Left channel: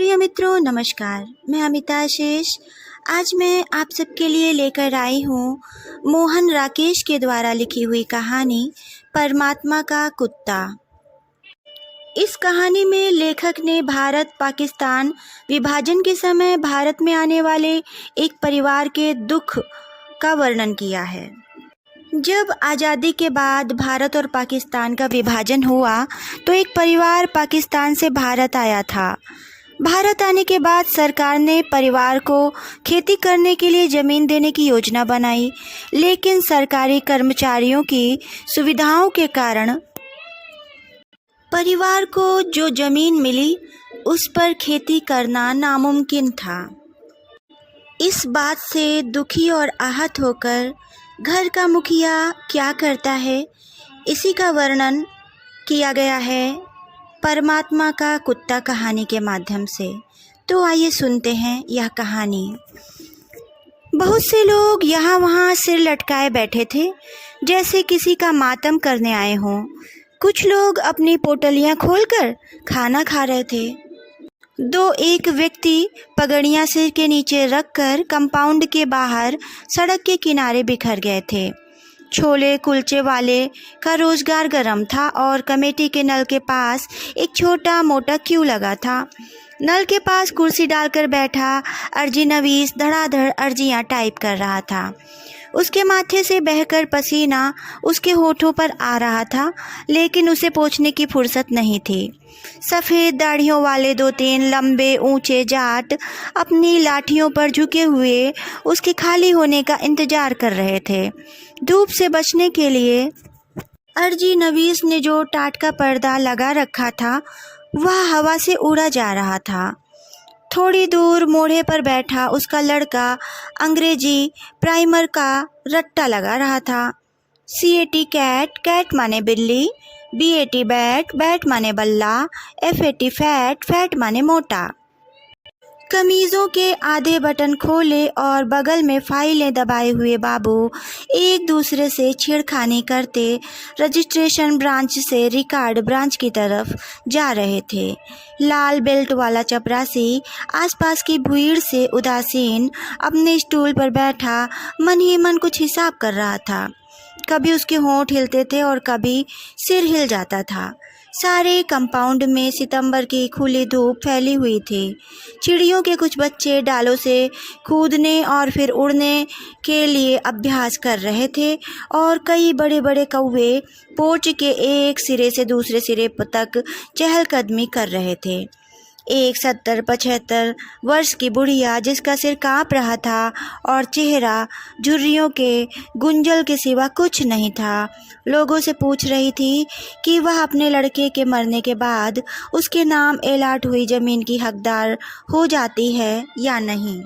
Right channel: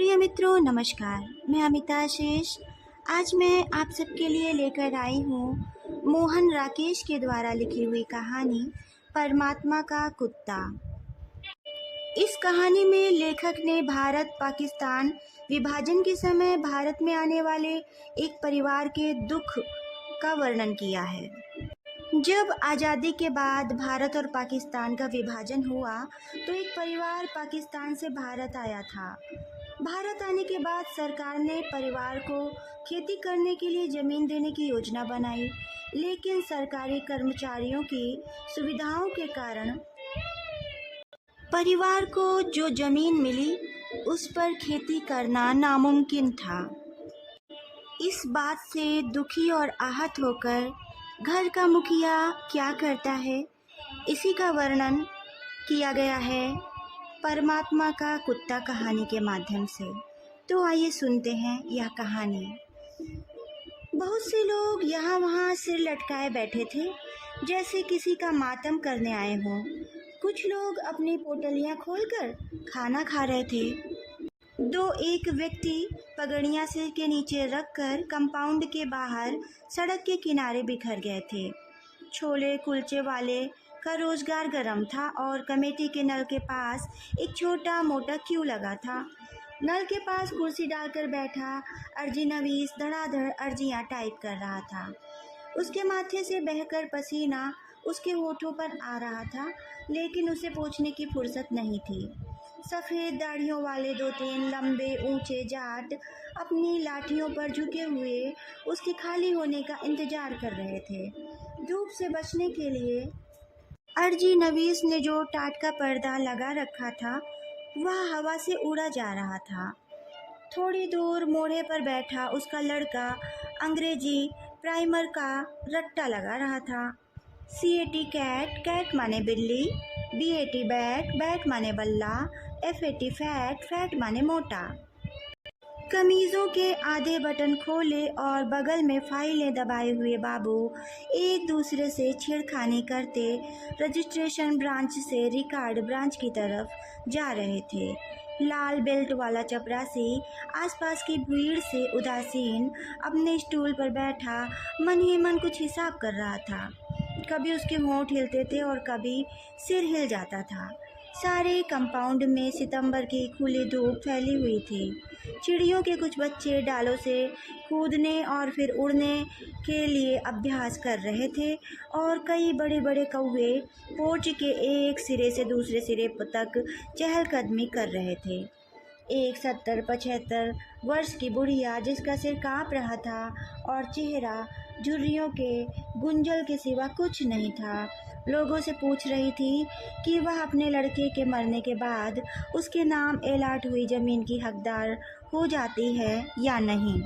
प्रिय मित्रों नमस्कार। मैं अमिता शेष आज मैं आप सबके लिए लेकर आई हूँ मोहन राकेश के द्वारा लिखी हुई कहानी परमात्मा का कुत्ता। इस कहानी में लेखक ने भारत पाकिस्तान विभाजन के समय भारत में आने वाले एक परिवार के दुख का वर्णन किया है। जब आज़ादी के बाद भारत और पाकिस्तान का विभाजन हुआ तो एक परिवार पाकिस्तान से भारत आया था। भारत आने के बाद सरकार ने परिवार को खेती करने के लिए ज़मीन देने की योजना बनाई, लेकिन सरकारी कर्मचारियों की सुविधाओं के कारण परिवार को जो ज़मीन मिली उस पर खेती करना नामुमकिन था। इस बात से दुखी और आहत होकर घर का मुखिया क्या करता है, इसी का वर्णन किया गया है परमात्मा का कुत्ता कहानी के माध्यम से। तो आइए सुनते हैं यह कहानी। बहुत से लोग यहाँ वहाँ सिर लटकाए बैठे थे, जैसे किसी का मातम करने आए हों। कुछ लोग अपनी पोटलियाँ खोलकर खाना खा रहे थे। एक व्यक्ति पगड़ियाँ सिर के नीचे रखकर कंपाउंड के बाहर सड़क के किनारे बिखर गए थे। छोले कुलचे वाले का रोज़गार गर्म था और कमेटी के नल के पास एक छोटा मोटा क्यू लगा था। नल के पास कुर्सी डालकर बैठा अर्जी नवीस धड़ाधड़ अर्जियाँ टाइप कर रहा था। उसके माथे से बहकर पसीना उसके होठों पर आ रहा था, लेकिन उसे पोंछने की फुर्सत नहीं थी। सफ़ेद दाढ़ियों वाले 2-3 लंबे ऊंचे जाट अपनी लाठियों पर झुके हुए उसके खाली होने का इंतज़ार कर रहे थे। धूप से बचने के लिए अर्जी नवीस ने जो टाट का पर्दा लगा रखा था वह हवा से उड़ा जा रहा था। थोड़ी दूर मोड़े पर बैठा उसका लड़का अंग्रेजी प्राइमर का रट्टा लगा रहा था। CAT कैट, कैट माने बिल्ली, BAT बैट, बैट माने बल्ला, FAT फैट, फैट माने मोटा। कमीज़ों के आधे बटन खोले और बगल में फाइलें दबाए हुए बाबू एक दूसरे से छेड़खानी करते रजिस्ट्रेशन ब्रांच से रिकॉर्ड ब्रांच की तरफ जा रहे थे। लाल बेल्ट वाला चपरासी आसपास की भीड़ से उदासीन अपने स्टूल पर बैठा मन ही मन कुछ हिसाब कर रहा था। कभी उसके होंठ हिलते थे और कभी सिर हिल जाता था। सारे कंपाउंड में सितंबर की खुली धूप फैली हुई थी। चिड़ियों के कुछ बच्चे डालों से कूदने और फिर उड़ने के लिए अभ्यास कर रहे थे और कई बड़े बड़े कौवे पोर्च के एक सिरे से दूसरे सिरे तक चहलकदमी कर रहे थे। एक 70-75 वर्ष की बुढ़िया जिसका सिर काँप रहा था और चेहरा झुर्रियों के गुंजल के सिवा कुछ नहीं था, लोगों से पूछ रही थी कि वह अपने लड़के के मरने के बाद उसके नाम एलाट हुई ज़मीन की हकदार हो जाती है या नहीं।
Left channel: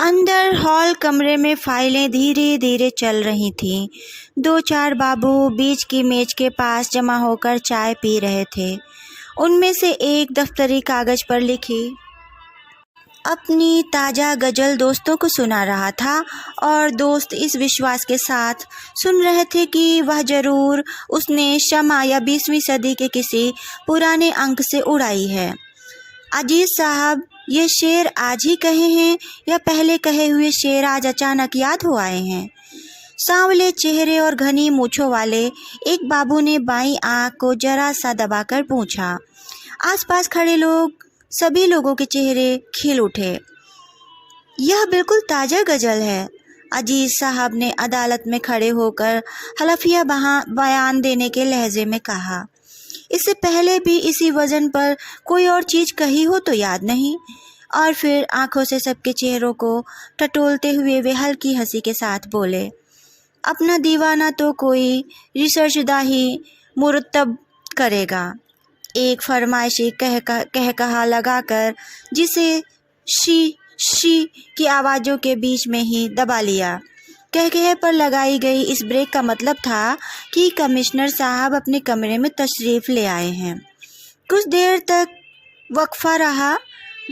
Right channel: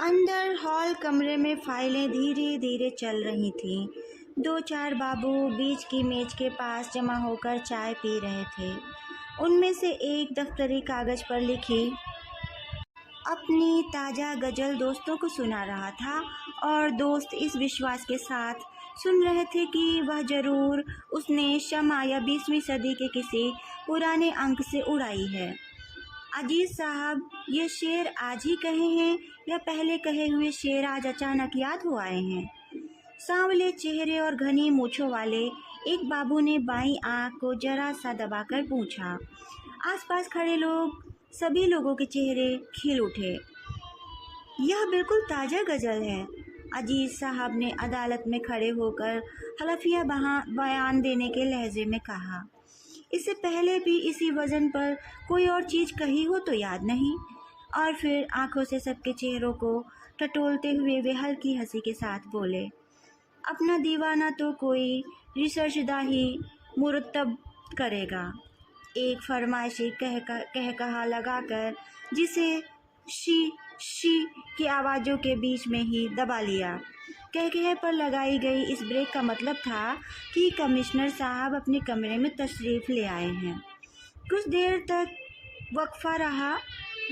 अंदर हॉल कमरे में फाइलें धीरे धीरे चल रही थीं। 2-4 बाबू बीच की मेज के पास जमा होकर चाय पी रहे थे। उनमें से एक दफ्तरी कागज़ पर लिखी अपनी ताज़ा गज़ल दोस्तों को सुना रहा था और दोस्त इस विश्वास के साथ सुन रहे थे कि वह ज़रूर उसने शमा या 20वीं सदी के किसी पुराने अंक से उड़ाई है। अजीज़ साहब, ये शेर आज ही कहे हैं या पहले कहे हुए शेर आज अचानक याद हो आए हैं? सांवले चेहरे और घनी मूँछों वाले एक बाबू ने बाईं आँख को जरा सा दबाकर पूछा। आसपास खड़े सभी लोगों के चेहरे खिल उठे। यह बिल्कुल ताज़ा गज़ल है, अजीज़ साहब ने अदालत में खड़े होकर हलफिया बयान देने के लहजे में कहा। इससे पहले भी इसी वज़न पर कोई और चीज़ कही हो तो याद नहीं। और फिर आंखों से सबके चेहरों को टटोलते हुए वे हल्की हंसी के साथ बोले, अपना दीवाना तो कोई रिसर्चदा ही मुरतब करेगा। एक फरमाइशी कहा लगाकर जिसे शी की आवाज़ों के बीच में ही दबा लिया। कह पर लगाई गई इस ब्रेक का मतलब था कि कमिश्नर साहब अपने कमरे में तशरीफ़ ले आए हैं। कुछ देर तक वक्फा रहा,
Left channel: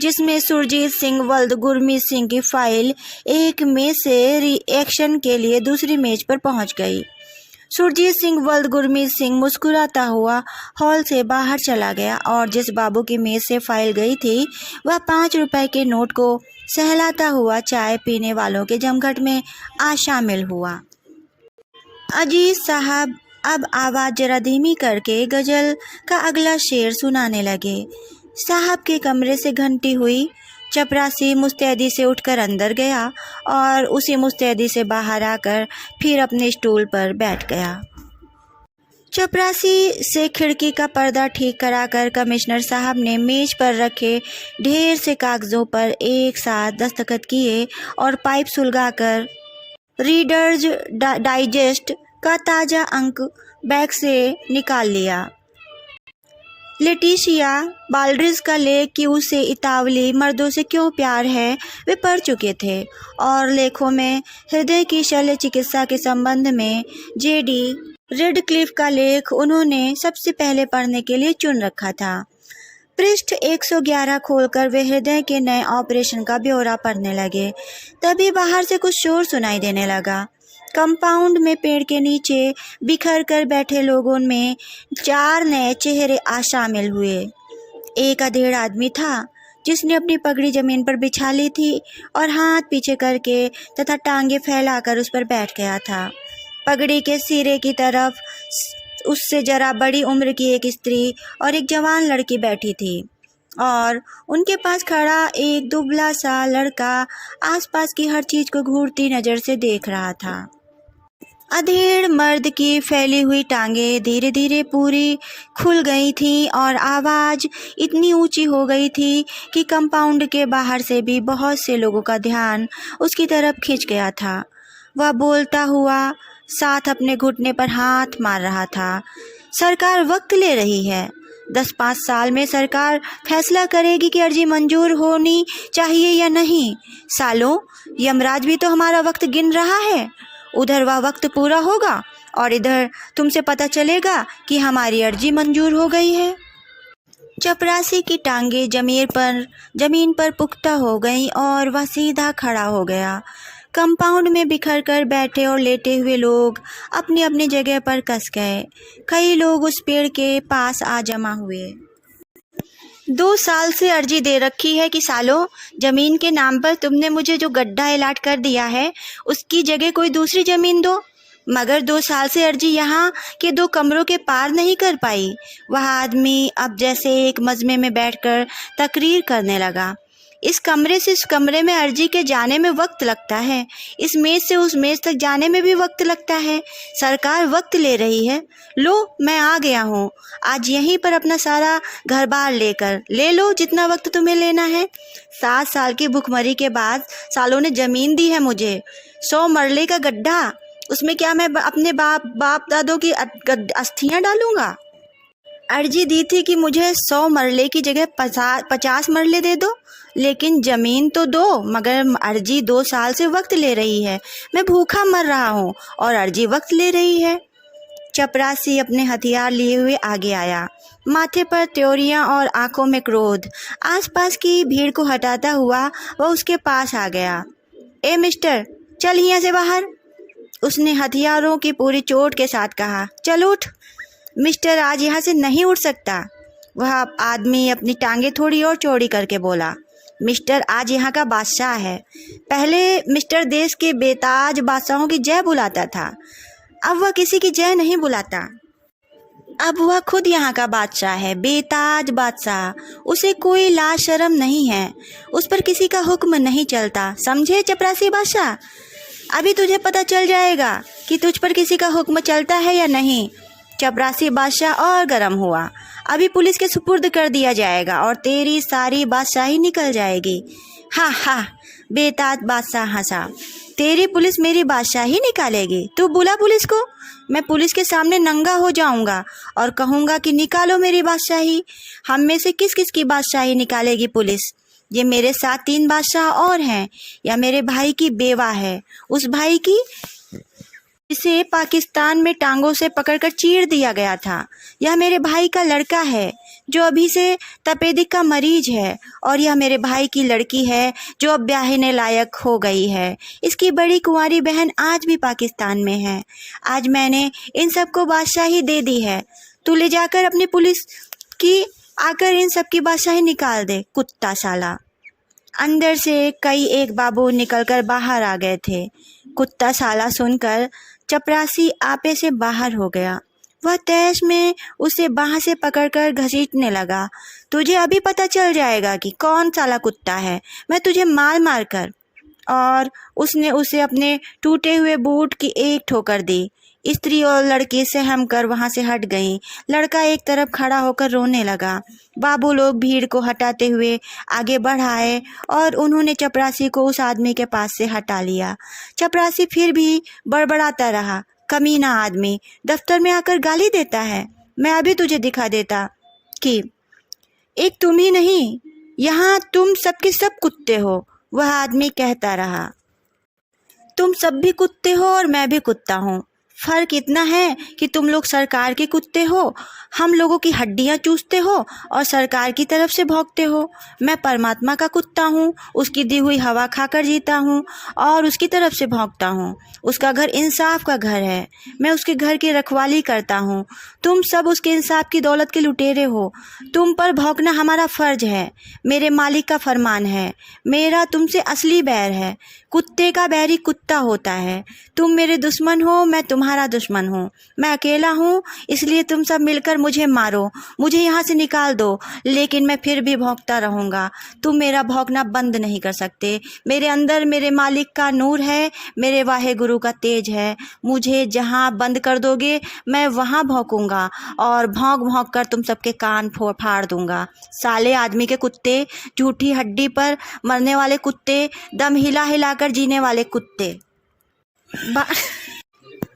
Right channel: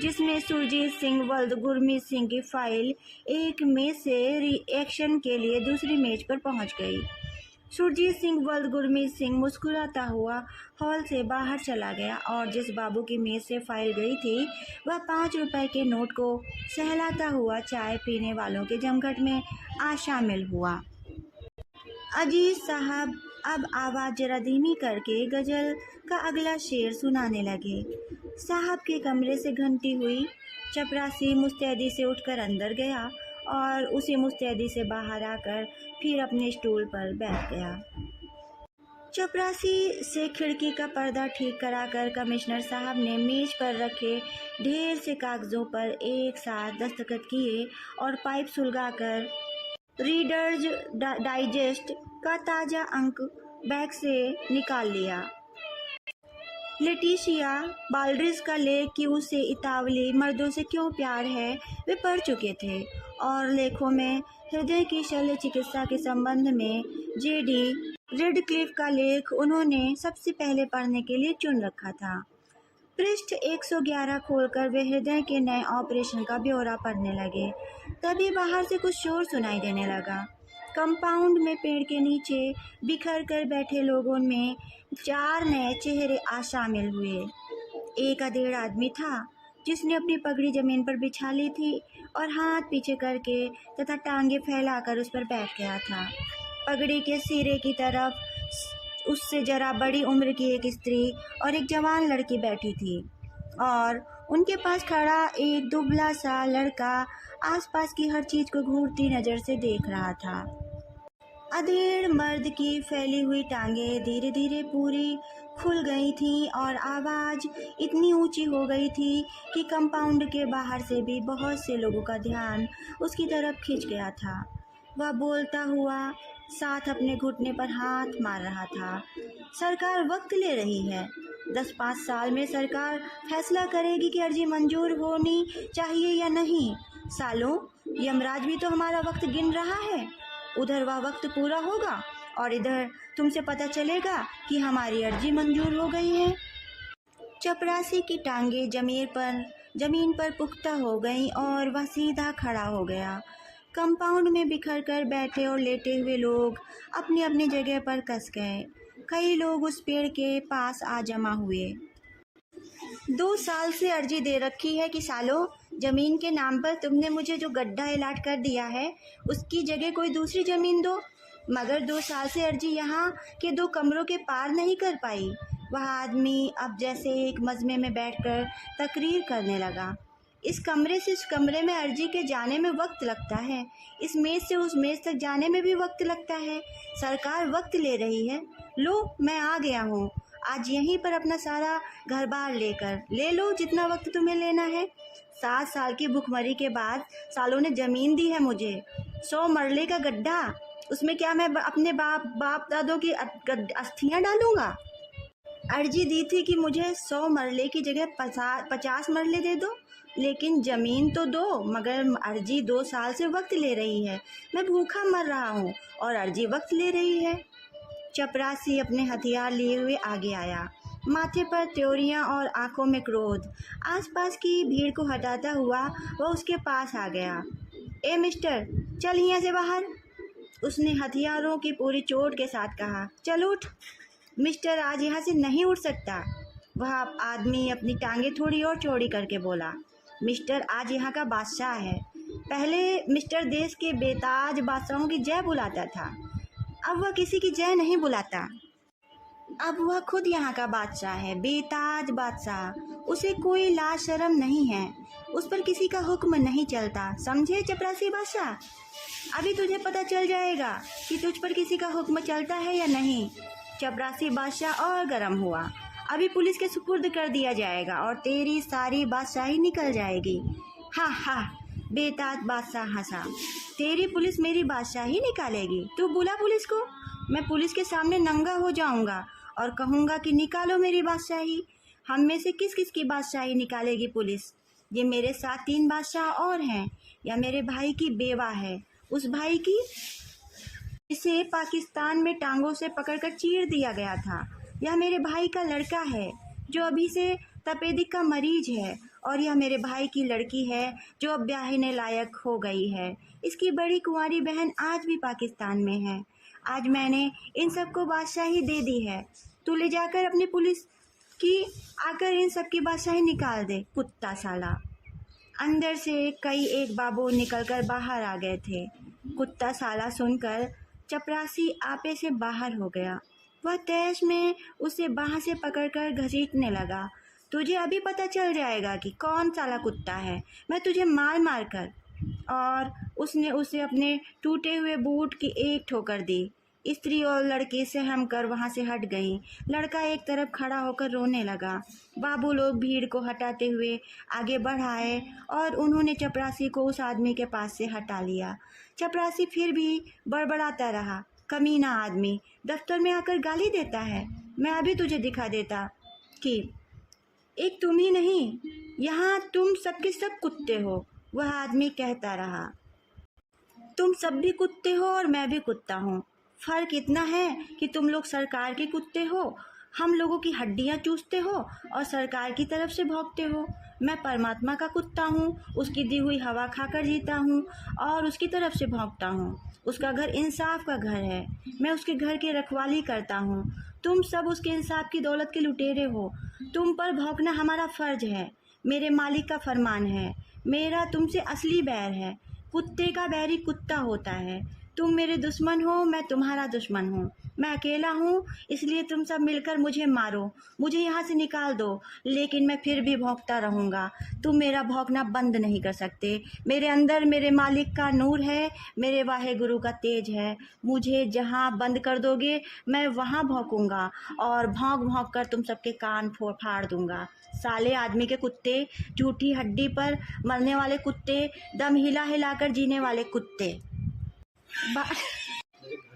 जिसमें सुरजीत सिंह वल्द गुरमीत सिंह की फ़ाइल एक मेज़ से रिएक्शन के लिए दूसरी मेज़ पर पहुंच गई। सुरजीत सिंह वल्द गुरमीत सिंह मुस्कुराता हुआ हॉल से बाहर चला गया और जिस बाबू की मेज से फाइल गई थी वह 5 रुपए के नोट को सहलाता हुआ चाय पीने वालों के जमघट में आ शामिल हुआ। अजीज साहब अब आवाज़ जरा धीमी करके गज़ल का अगला शेर सुनाने लगे। साहब के कमरे से घंटी हुई। चपरासी मुस्तैदी से उठकर अंदर गया और उसी मुस्तैदी से बाहर आकर फिर अपने स्टूल पर बैठ गया। चपरासी से खिड़की का पर्दा ठीक कराकर कमिश्नर साहब ने मेज पर रखे ढेर से कागज़ों पर एक साथ दस्तखत किए और पाइप सुलगाकर रीडर्स डाइजेस्ट का ताज़ा अंक बैग से निकाल लिया। लेटिशिया बाल्ड्रिज का लेख कि उसे इतावली मर्दों से क्यों प्यार है वे पढ़ चुके थे और लेखों में हृदय की शल्य चिकित्सा के संबंध में जेडी रेडक्लिफ का लेख उन्होंने सबसे पहले पढ़ने के लिए चुन रखा था। पृष्ठ 111 खोलकर वे हृदय के नए ऑपरेशन का ब्यौरा पढ़ने लगे। तभी बाहर से कुछ शोर सुनाई देने लगा। कंपाउंड में पेड़ के नीचे बिखर कर बैठे लोगों में 4 नए चेहरे आ शामिल हुए। एक अधेड़ आदमी था जिसने अपनी पगड़ी जमीन पर बिछा ली थी और हाथ पीछे करके तथा टांगे फैलाकर उस पर बैठ गया था। पगड़ी के सिरे की तरफ उससे जरा बड़ी उम्र की एक स्त्री और एक जवान लड़की बैठी थी और उनके पास खड़ा एक दुबला सा लड़का आसपास की हर चीज़ को घूरती नज़र से देख रहा था। अधेड़ मर्द की फैली हुई टांगें धीरे धीरे पूरी खुल गई थीं और आवाज़ इतनी ऊंची हो गई थी कि कंपाउंड के बाहर से भी बहुत से लोगों का ध्यान उसकी तरफ खिंच गया था। वह बोलता हुआ साथ अपने घुटने पर हाथ मार रहा था। सरकार वक्त ले रही है। 10-5 साल में सरकार फैसला करेगी कि अर्जी मंजूर होनी चाहिए या नहीं। सालों, यमराज भी तो हमारा वक्त गिन रहा है। उधर वह वक्त पूरा होगा और इधर तुमसे पता चलेगा कि हमारी अर्जी मंजूर हो गई है। चपरासी की टांगें जमीन पर पुख्ता हो गईं और वह सीधा खड़ा हो गया। कंपाउंड में बिखर कर बैठे और लेटे हुए लोग अपनी अपनी जगह पर कस गए। कई लोग उस पेड़ के पास आ जमा हुए। 2 साल से अर्जी दे रखी है कि सालों, ज़मीन के नाम पर तुमने मुझे जो गड्ढा अलाट कर दिया है उसकी जगह कोई दूसरी ज़मीन दो। मगर 2 साल से अर्जी यहाँ के 2 कमरों के पार नहीं कर पाई। वह आदमी अब जैसे एक मजमे में बैठकर तकरीर करने लगा। इस कमरे से उस कमरे में अर्जी के जाने में वक्त लगता है। इस मेज़ से उस मेज़ तक जाने में भी वक्त लगता है। सरकार वक्त ले रही है। लो, मैं आ गया हूँ। आज यहीं पर अपना सारा घर बार लेकर ले लो जितना वक्त तुम्हें लेना है। 7 साल की भुखमरी के बाद सालों ने ज़मीन दी है मुझे। 100 मरले का गड्ढा, उसमें क्या मैं अपने बाप दादों की अस्थियाँ डालूँगा? अर्जी दी थी कि मुझे 100 मरले की जगह 50 मरले दे दो, लेकिन ज़मीन तो दो। मगर अर्जी 2 साल से वक्त ले रही है। मैं भूखा मर रहा हूँ और अर्जी वक्त ले रही है। चपरासी अपने हथियार लिए हुए आगे आया, माथे पर त्योरियां और आंखों में क्रोध। आसपास की भीड़ को हटाता हुआ वह उसके पास आ गया। ए मिस्टर, चल यहाँ से बाहर, उसने हथियारों की पूरी चोट के साथ कहा। चल उठ। मिस्टर आज यहाँ से नहीं उठ सकता। वह आदमी अपनी टांगें थोड़ी और चौड़ी करके बोला। मिस्टर आज यहाँ का बादशाह है। पहले मिस्टर देश के बेताज बादशाहों की जय बुलाता था, अब वह किसी की जय नहीं बुलाता। अब वह खुद यहाँ का बादशाह है, बेताज बादशाह। उसे कोई लाज शर्म नहीं है, उस पर किसी का हुक्म नहीं चलता। समझे चपरासी बादशाह? अभी तुझे पता चल जाएगा कि तुझ पर किसी का हुक्म चलता है या नहीं। चपरासी बादशाह और गर्म हुआ। अभी पुलिस के सुपुर्द कर दिया जाएगा और तेरी सारी बादशाही निकल जाएगी। हा हा, बेताज बादशाह हंसा। तेरी पुलिस मेरी बादशाही निकालेगी? तू बुला पुलिस को। मैं पुलिस के सामने नंगा हो जाऊंगा और कहूंगा कि निकालो मेरी बादशाही। हम में से किस किस की बादशाही निकालेगी पुलिस? ये मेरे साथ 3 बादशाह और हैं, या मेरे भाई की बेवा है, उस भाई की जिसे पाकिस्तान में टांगों से पकड़कर चीर दिया गया था, यह मेरे भाई का लड़का है जो अभी से तपेदिक का मरीज है, और यह मेरे भाई की लड़की है जो अब ब्याहने लायक हो गई है। इसकी बड़ी कुंवारी बहन आज भी पाकिस्तान में है। आज मैंने इन सबको बादशाही दे दी है। तू ले जाकर अपनी पुलिस की आकर इन सब की बादशाही निकाल दे, कुत्ता साला। अंदर से कई एक बाबू निकलकर बाहर आ गए थे। कुत्ता साला सुनकर चपरासी आपे से बाहर हो गया। वह तैश में उसे बाह से पकड़कर घसीटने लगा। तुझे अभी पता चल जाएगा कि कौन साला कुत्ता है, मैं तुझे मार मार कर। और उसने उसे अपने टूटे हुए बूट की एक ठोकर दी। स्त्री और लड़के सहम कर वहाँ से हट गईं। लड़का एक तरफ खड़ा होकर रोने लगा। बाबू लोग भीड़ को हटाते हुए आगे बढ़ाए और उन्होंने चपरासी को उस आदमी के पास से हटा लिया। चपरासी फिर भी बड़बड़ाता रहा। कमीना आदमी दफ्तर में आकर गाली देता है। मैं अभी तुझे दिखा देता कि एक तुम ही नहीं, यहाँ तुम सबके सब कुत्ते हो। वह आदमी कहता रहा। तुम सब भी कुत्ते हो और मैं भी कुत्ता हूँ। फ़र्क इतना है कि तुम लोग सरकार के कुत्ते हो, हम लोगों की हड्डियाँ चूसते हो और सरकार की तरफ से भौंकते हो। मैं परमात्मा का कुत्ता हूँ, उसकी दी हुई हवा खाकर जीता हूँ और उसकी तरफ से भौंकता हूँ। उसका घर इंसाफ का घर है, मैं उसके घर की रखवाली करता हूँ। तुम सब उसके इंसाफ की दौलत के लुटेरे हो। तुम पर भौंकना हमारा फ़र्ज है, मेरे मालिक का फरमान है। मेरा तुमसे असली बैर है। कुत्ते का बैरी कुत्ता होता है। तुम मेरे दुश्मन हो, मैं तुम्हारा दुश्मन हूँ। मैं अकेला हूँ, इसलिए तुम सब मिलकर मुझे मारो, मुझे यहाँ से निकाल दो, लेकिन मैं फिर भी भौंकता रहूँगा। तुम मेरा भौंकना बंद नहीं कर सकते। मेरे अंदर मेरे मालिक का नूर है, मेरे वाहे गुरु का तेज है। मुझे जहाँ बंद कर दोगे मैं वहाँ भौंकूँगा और भौंक भौंक कर तुम सबके कान फाड़ दूँगा। साले आदमी के कुत्ते, झूठी हड्डी पर मरने वाले कुत्ते, दम हिला हिलाकर जीने वाले कुत्ते।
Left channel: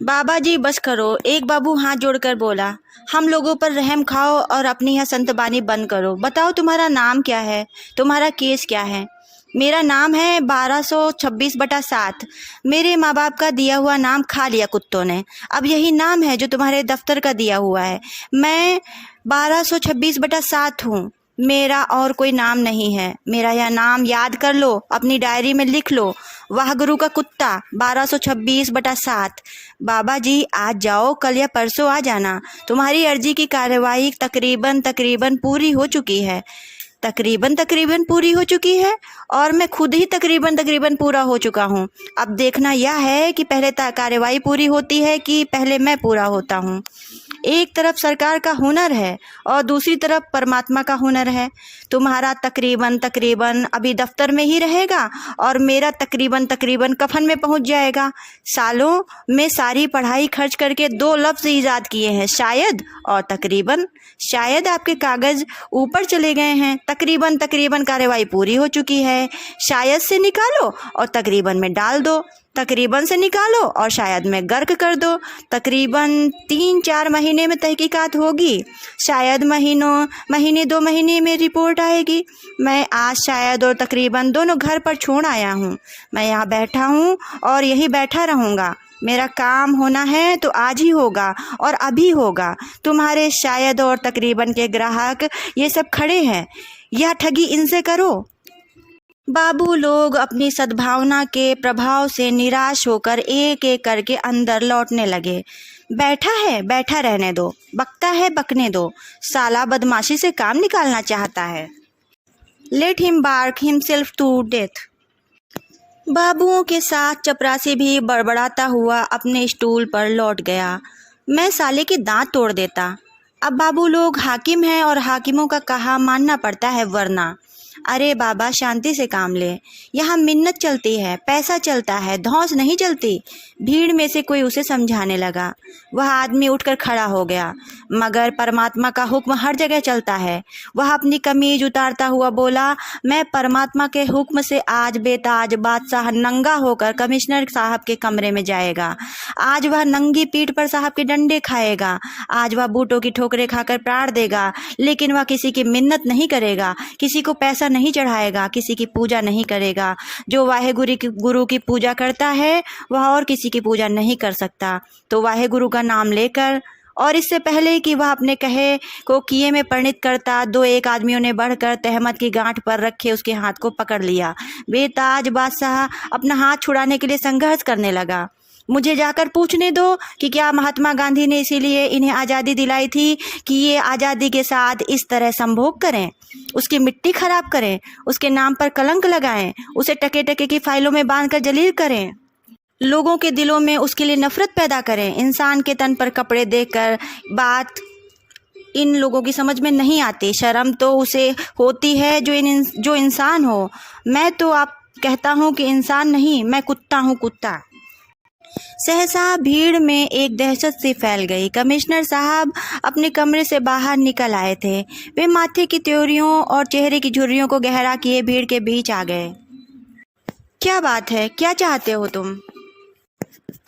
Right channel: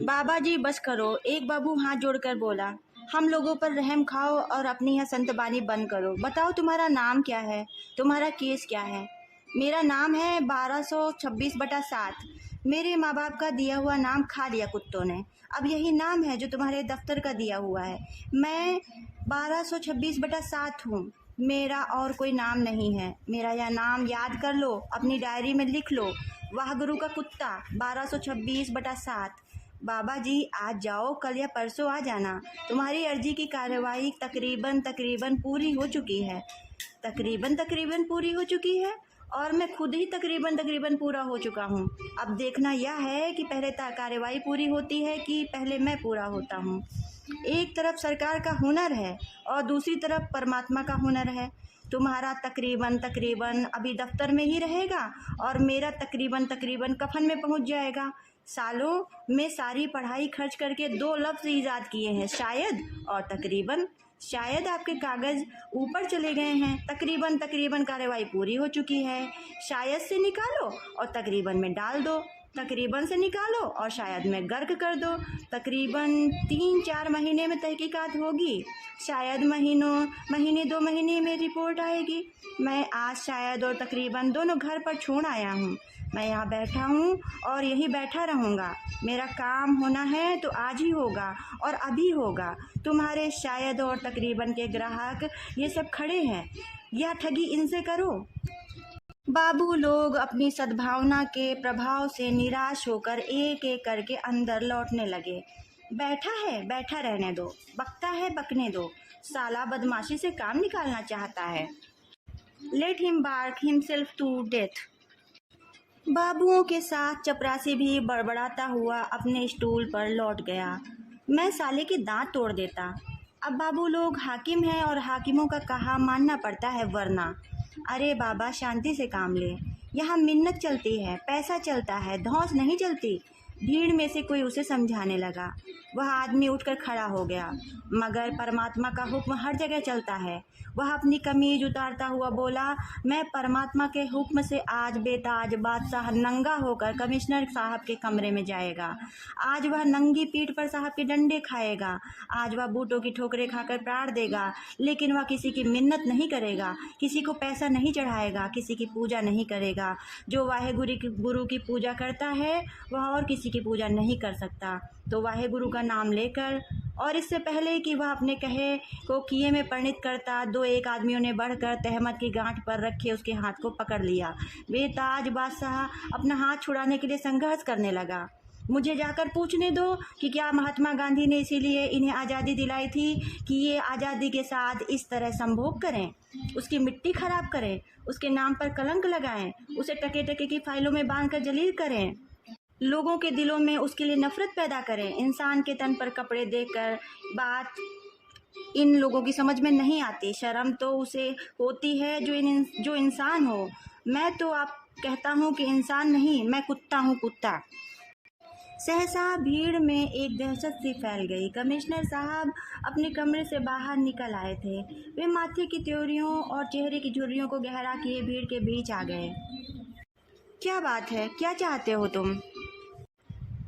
बाबा जी बस करो, एक बाबू हाथ जोड़कर बोला। हम लोगों पर रहम खाओ और अपनी यह संतबानी बंद करो। बताओ तुम्हारा नाम क्या है, तुम्हारा केस क्या है? मेरा नाम है 1226/7। मेरे माँ बाप का दिया हुआ नाम खा लिया कुत्तों ने, अब यही नाम है जो तुम्हारे दफ्तर का दिया हुआ है। मैं 1226/7 हूँ, मेरा और कोई नाम नहीं है। मेरा यह नाम याद कर लो, अपनी डायरी में लिख लो। वाह गुरु का कुत्ता 1226/7। बाबा जी आज जाओ, कल या परसों आ जाना। तुम्हारी अर्जी की कार्यवाही तकरीबन पूरी हो चुकी है। तकरीबन पूरी हो चुकी है और मैं खुद ही तकरीबन पूरा हो चुका हूँ। अब देखना यह है कि पहले कार्यवाही पूरी होती है कि पहले मैं पूरा होता हूँ। एक तरफ सरकार का हुनर है और दूसरी तरफ परमात्मा का हुनर है। तुम्हारा तकरीबन अभी दफ्तर में ही रहेगा और मेरा तकरीबन कफन में पहुंच जाएगा। सालों में सारी पढ़ाई खर्च करके 2 लफ्ज़ ईजाद किए हैं, शायद और तकरीबन। शायद आपके कागज़ ऊपर चले गए हैं। तकरीबन कार्रवाई पूरी हो चुकी है। शायद से निकालो और तकरीबन में डाल दो, तकरीबन से निकालो और शायद में गर्क कर दो। तकरीबन 3-4 महीने में तहकीकात होगी, शायद महीने 2 महीने में रिपोर्ट आएगी। मैं आज शायद और तकरीबन दोनों घर पर छोड़ आया हूँ। मैं यहाँ बैठा हूँ और यहीं बैठा रहूँगा। मेरा काम होना है तो आज ही होगा और अभी होगा। तुम्हारे शायद और तकरीबन के ग्राहक ये सब खड़े हैं, यह ठगी इनसे करो। बाबू लोग अपनी सद्भावना के प्रभाव से निराश होकर एक एक करके अंदर लौटने लगे। बैठा है बैठा रहने दो, बकता है बकने दो, साला बदमाशी से काम निकालना चाहता है। Let him bark himself to death. बाबुओं के साथ चपरासी भी बड़बड़ाता हुआ अपने स्टूल पर लौट गया। मैं साले के दांत तोड़ देता। अब बाबू लोग हाकिम हैं और हाकिमों का कहा मानना पड़ता है, वरना। अरे बाबा शांति से काम ले, यहाँ मिन्नत चलती है, पैसा चलता है, धौंस नहीं चलती। भीड़ में से कोई उसे समझाने लगा। वह आदमी उठकर खड़ा हो गया। मगर परमात्मा का हुक्म हर जगह चलता है। वह अपनी कमीज उतारता हुआ बोला, मैं परमात्मा के हुक्म से आज बेताज बादशाह नंगा होकर कमिश्नर साहब के कमरे में जाएगा। आज वह नंगी पीठ पर साहब के डंडे खाएगा। आज वह बूटों की ठोकरें खाकर प्राण देगा, लेकिन वह किसी की मिन्नत नहीं करेगा, किसी को पैसा नहीं चढ़ाएगा, किसी की पूजा नहीं करेगा। जो वाहे गुरु की पूजा करता है वह और किसी की पूजा नहीं कर सकता। तो वाहे गुरु का नाम लेकर और इससे पहले कि वह अपने कहे को किए में परिणत करता, दो एक आदमियों ने बढ़कर तहमत की गांठ पर रखे उसके हाथ को पकड़ लिया। बेताज बादशाह अपना हाथ छुड़ाने के लिए संघर्ष करने लगा। मुझे जाकर पूछने दो कि क्या महात्मा गांधी ने इसीलिए इन्हें आज़ादी दिलाई थी कि ये आज़ादी के साथ इस तरह संभोग करें, उसकी मिट्टी खराब करें, उसके नाम पर कलंक लगाएं, उसे टके टके की फाइलों में बांधकर जलील करें, लोगों के दिलों में उसके लिए नफरत पैदा करें। इंसान के तन पर कपड़े देकर बात इन लोगों की समझ में नहीं आती। शर्म तो उसे होती है जो इंसान हो। मैं तो आप कहता हूँ कि इंसान नहीं, मैं कुत्ता हूँ, कुत्ता। सहसा भीड़ में एक दहशत सी फैल गई। कमिश्नर साहब अपने कमरे से बाहर निकल आए थे। वे माथे की त्योरियों और चेहरे की झुर्रियों को गहरा किए भीड़ के बीच आ गए। क्या बात है, क्या चाहते हो तुम?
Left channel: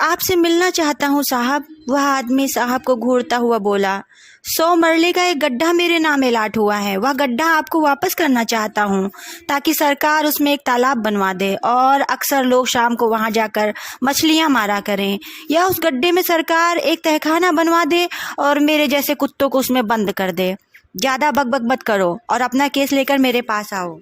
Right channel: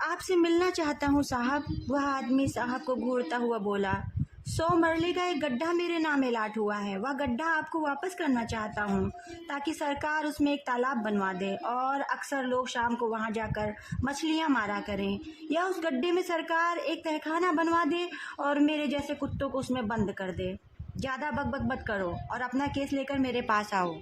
आपसे मिलना चाहता हूँ साहब, वह आदमी साहब को घूरता हुआ बोला। 100 मरले का एक गड्ढा मेरे नाम एलाट हुआ है, वह गड्ढा आपको वापस करना चाहता हूँ ताकि सरकार उसमें एक तालाब बनवा दे और अक्सर लोग शाम को वहाँ जाकर मछलियाँ मारा करें, या उस गड्ढे में सरकार एक तहखाना बनवा दे और मेरे जैसे कुत्तों को उसमें बंद कर दे। ज़्यादा बकबक मत करो और अपना केस लेकर मेरे पास आओ।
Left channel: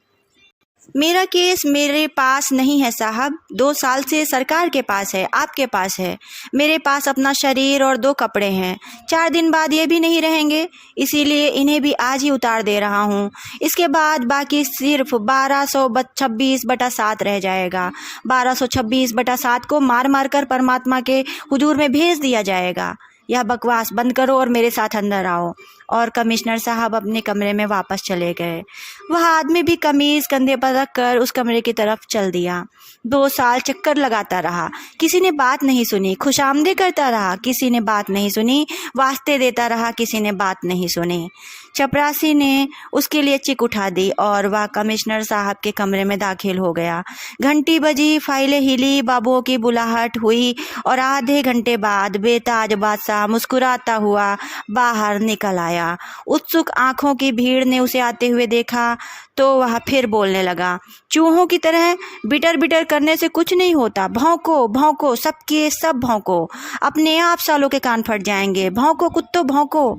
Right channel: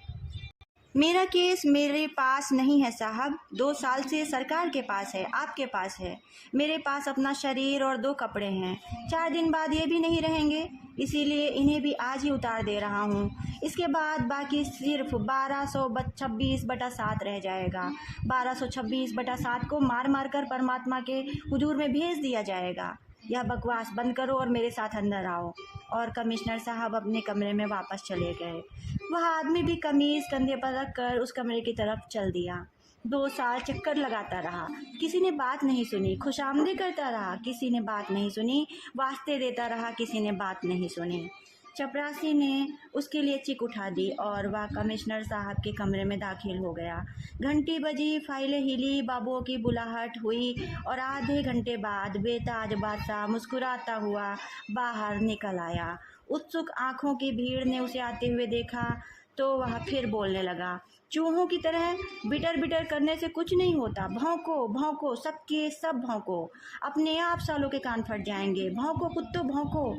मेरा केस मेरे पास नहीं है साहब, 2 साल से सरकार के पास है, आपके पास है। मेरे पास अपना शरीर और 2 कपड़े हैं, 4 दिन बाद ये भी नहीं रहेंगे, इसीलिए इन्हें भी आज ही उतार दे रहा हूँ। इसके बाद बाकी सिर्फ 1226/7 रह जाएगा। 1226/7 को मार मार कर परमात्मा के हुजूर में भेज दिया जाएगा। यह बकवास बंद करो और मेरे साथ अंदर आओ। और कमिश्नर साहब अपने कमरे में वापस चले गए। वह आदमी भी कमीज़ कंधे पर रख कर उस कमरे की तरफ चल दिया। 2 साल चक्कर लगाता रहा, किसी ने बात नहीं सुनी। खुशामदे करता रहा, किसी ने बात नहीं सुनी। वास्ते देता रहा, किसी ने बात नहीं सुनी। चपरासी ने उसके लिए चिक उठा दी और वह कमिश्नर साहब के कमरे में दाखिल हो गया। घंटी बजी, फाइलें हिली, बाबुओं की बुलाहट हुई और आधे घंटे बाद बेताज बादशाह मुस्कुराता हुआ बाहर निकल आया। उत्सुक आंखों की भीड़ ने उसे आते हुए देखा तो वह फिर बोलने लगा। चूहों की तरह बिटर बिटर करने से कुछ नहीं होता। भौंको भौंको, सबके सब भौंको, अपने आप सालों के कान फट जाएंगे। भौंको कुत्तों, भौंको।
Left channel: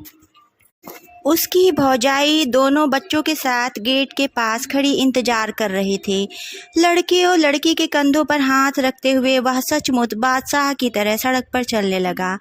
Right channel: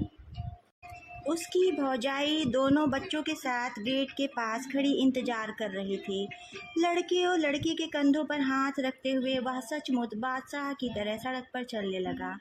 उसकी भौजाई दोनों बच्चों के साथ गेट के पास खड़ी इंतजार कर रही थी। लड़के और लड़की के कंधों पर हाथ रखते हुए वह सचमुच बादशाह की तरह सड़क पर चलने लगा।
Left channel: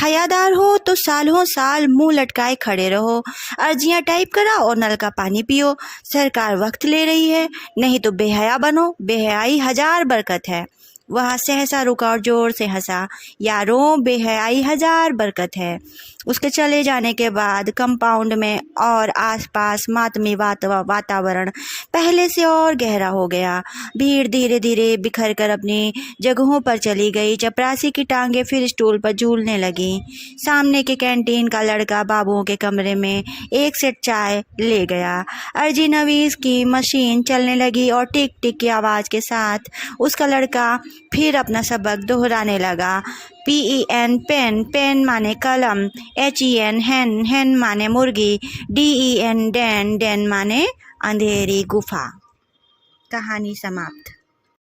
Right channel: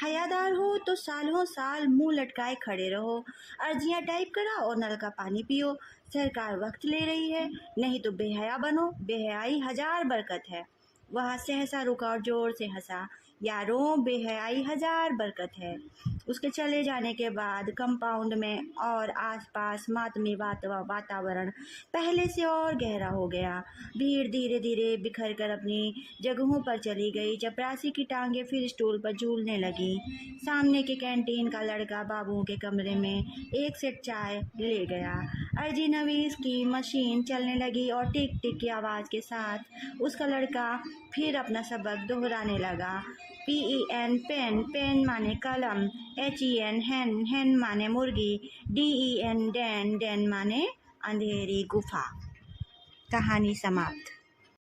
हयादार हो तो सालों साल मुंह लटकाए खड़े रहो, अर्जियां टाइप कराओ और नल का पानी पियो। सरकार वक्त ले रही है, नहीं तो बेहया बनो, बेहयाई 1000 बरकत है। वह सहसा रुका और जोर से हंसा। यारों, बेहयाई 1000 बरकत है। उसके चले जाने के बाद कंपाउंड में और आसपास मातमी वातावरण पहले से और गहरा हो गया। भीड़ धीरे धीरे बिखर कर अपनी जगहों पर चली गई। चपरासी की टांगें फिर स्टूल पर झूलने लगी। सामने के कैंटीन का लड़का बाबुओं के कमरे में एक सेट चाय ले गया। अर्जी नवीस की मशीन चलने लगी और टिक टिक की आवाज़ के साथ उसका लड़का फिर अपना सबक दोहराने लगा। PEN पेन, पेन माने कलम, HEN हैन, हैन माने मुर्गी, DEN डैन, डैन माने अंधेरी गुफा। कहानी समाप्त।